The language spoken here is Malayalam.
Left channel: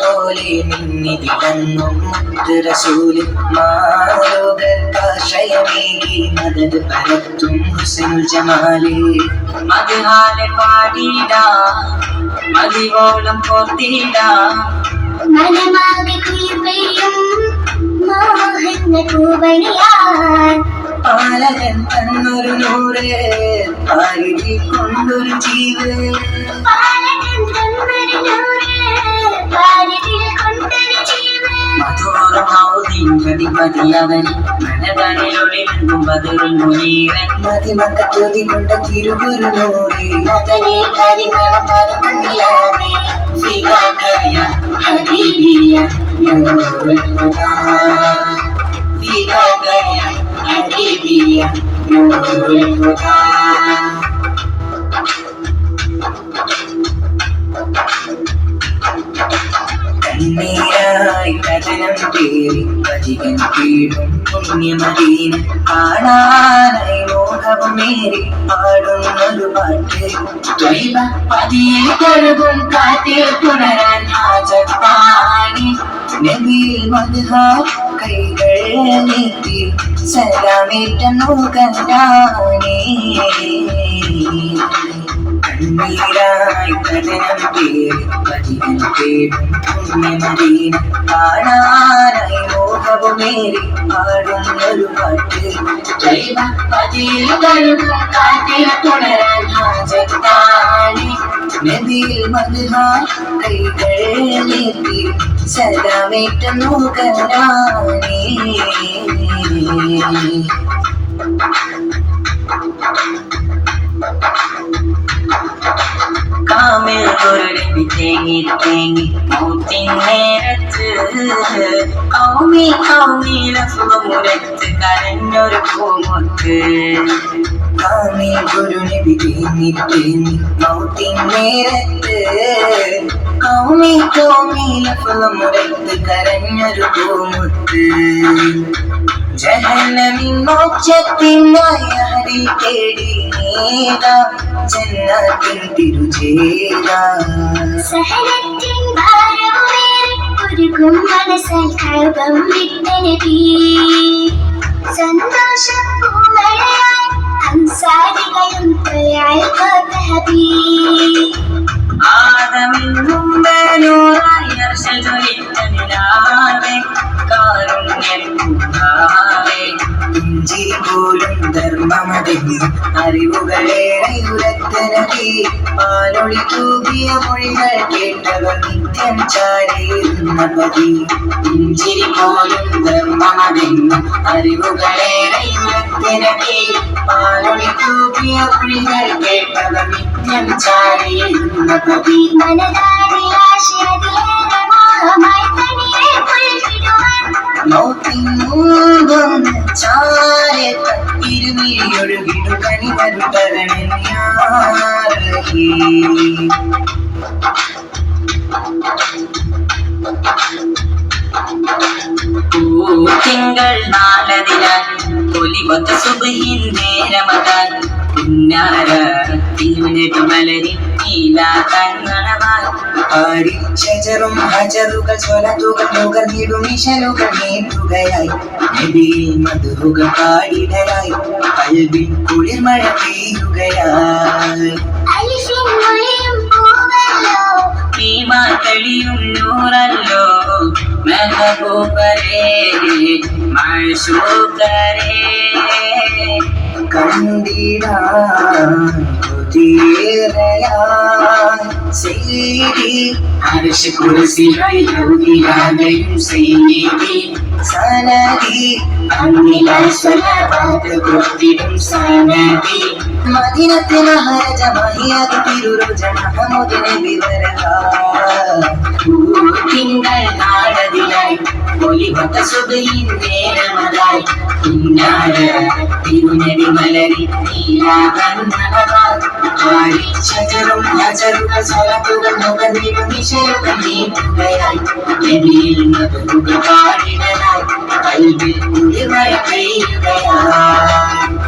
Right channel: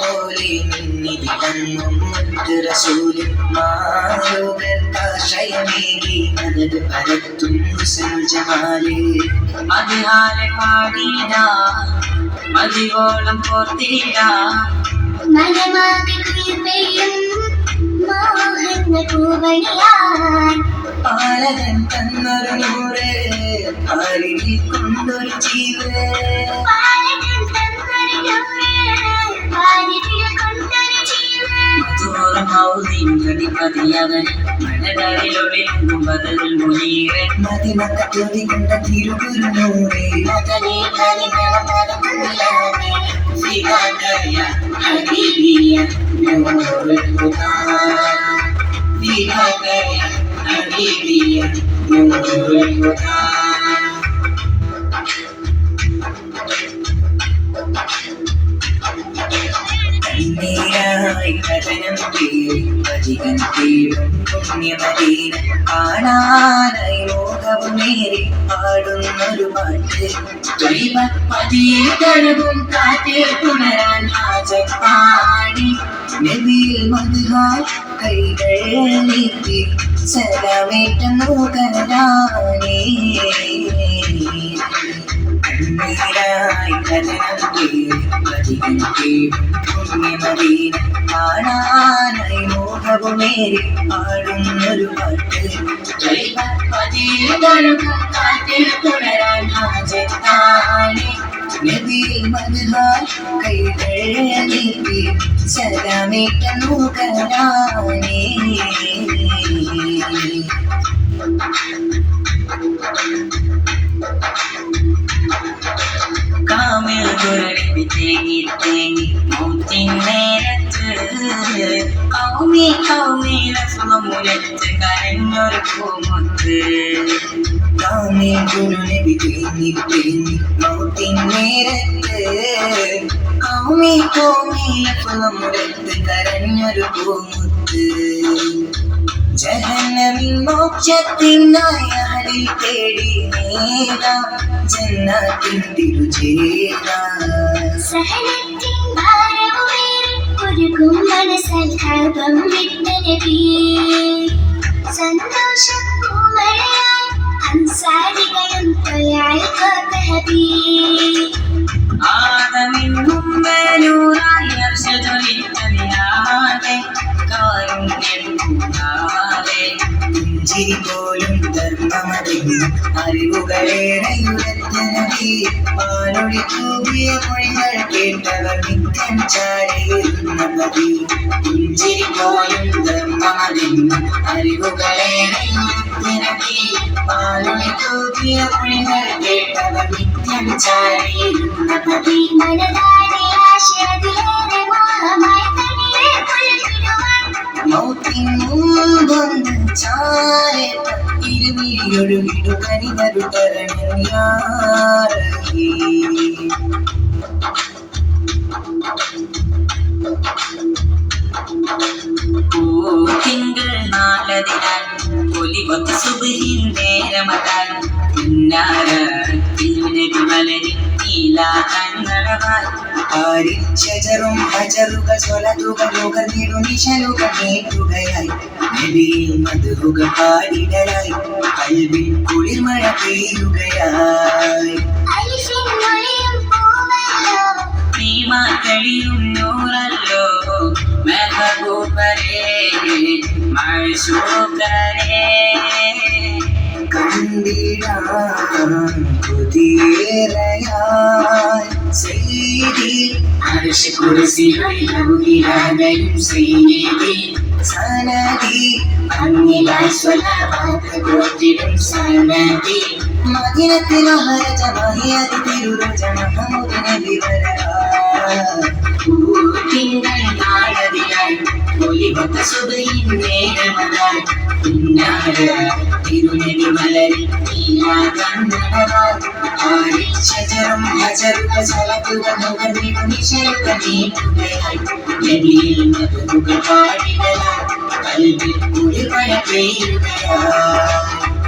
പോലെ മിന്നി വിളങ്ങും മുത്ത് റസൂല് മാലോകർക്കാശ്രയമേകി മദത് പരത്തും ഹുസ്നുൽ ജമാല് മദ്ഹാലെ പാടിടാ മതിവോളം കോർത്തിടാ മനമാകെ കുളിർപ്പെയ്യും മോഹന്ന പൂവണിയാൻ പാലകൻ തന്നൊരു നൂറ് പാലിൽ കൊണ്ടൊരു ജീവ് മതിമക്കത്തോതി കൊണ്ട തിരുഗുരുനൂറേ ഫിദാകയ ഹബീബിയ നൂറുൽ ഹുദാ ഫിദാകയ ഹബീബിയ നൂറുൽ ഹുദാ കണ്ണീരായി കഥനം തേടി വജികൻ തേടും പുണ്യമദീന കാണാനായി മോഹവുമേറി പാടുന്നൊരു പാട്ട് ത്വയ്ബ പതിയിൽ തഴുകും കാറ്റിൽ പുണരാൻ ഹാജത്താണി നബിയിൽ മദ്ഹ കൈകൾ നീട്ടി സലാമേറ്റുന്നു കനാനേ കണ്ണീരായി കഥനം തേടി വജികൻ തേടും പുണ്യമദീന കാണാനായി മോഹവുമേറി പാടുന്നൊരു പാട്ട് ത്വയ്ബ പതിയിൽ തഴുകും കാറ്റിൽ പുണരാൻ ഹാജത്താണി നബിയിൽ മദ്ഹ കൈകൾ നീട്ടി സലാമേറ്റുന്നു കനാനേ കാമിൽ ഗുരുനബി തേങ്ങി തേങ്ങി മൗത്തിൻ നേരത്ത് കൗമി കൗമി ലഫ്ളുമുരത്ത് കരഞ്ഞൊരു പൂമുത്ത് കാമിൽ ഗുരുനബി തേങ്ങി തേങ്ങി മൗത്തിൻ നേരത്ത് കൗമി കൗമി ലഫ്ളുമുരത്ത് കരഞ്ഞൊരു പൂമുത്ത് ജഹന്നമിൻ മോക്ഷത്തിനായി അഹരിൽ തേടി നീതാ ജന്നത്തിൻ തിരുചേര സഹനത്തിൻ ഭാരമേറി ഒരുകും മനസ്സാൽ കൽബം വിട്ട നബി സന്തോഷപ്പൂമഴയായി അൻസാരികളും തൊഴാൽ കോർത്ത ഹബീബ് ആദമിൻ മുമ്പേനൂറായി അർശൽ ജ്വലിച്ച നിലാവേ കാരുണ്യം കൂടാവേ പുഞ്ചിരി പോലും ധർമ്മമതെന്ന് അറിവുകളേറെയുരത്ത് നബി പാലൊളി തൂകിയ മൊഴികൾ കേട്ടവർ നിത്യം ചാരയിരുന്ന പതി പുഞ്ചിരി പോലും ധർമ്മമതെന്ന് അറിവുകളേറെയുരത്ത് നബി പാലൊളി തൂകിയ മൊഴികൾ കേട്ടവർ നിത്യം ചാരയിരുന്ന പതി മനതാരി ആശയതിലേറെ മോഹമായി തനിയെ പുൽകിടുവാൻ മൗത്തിൻ മുൻപൊന്ന് ചാരത്ത ഇരുമിഴിയൊഴുകിടു കനിവരു തരണൻ യാ റഹീം തിങ്കൾ നാളതിനാൽ പൊലിവത്ത സുബഹിൻ നേരമകാൻ പുന്നാര തിരുനബി മലരിൽ ഷജറും ഹജറുകൾ സ്വലതുകൾ നുകർന്നിടും ഇശലുകൾ നീട്ടുകയായി നബിയിൽ മദ്ഹുകൾ പാടിടലായി കൽബിൽ കുളിർമഴ പെയ്യുകയായി അലിഫിൻ മൊഴിയും പൂവല്ലോ ഭീമാ തെളിയും നൂറല്ലോ മെഹബൂബരേ മഅ്ശൂഖരേ കണ്ടിടാൻ കൊതിയേറെയായി സയ്യിദി അർശ് കുർസികളിൽ ഔലിയായും സയ്യിദി സനദി അന്നിലായി സ്വലവാത്ത് കൊടുത്തിടും സനദി മദീനത്തിൽ മഹാരാജ മഹിയാതി തിരുരോജ മഹമൂദ് നബി വരഹാ തിങ്കൾ നാളതിലായി ഒലിവത്ത സുബഹിൻ നേരമതായി പുന്നാര തിരുനബി മലരിൽ നീലാകണ്ണനവായി ഷജറും ഹജറുകൾ സ്വലത്തുകൾ നുകർന്നിടും ഇശലുകൾ നീട്ടുകയായി നബിയിൽ മദ്ഹുകൾ പാടിടലായി കൽബിൽ കുളിർമഴ പെയ്യുകയായി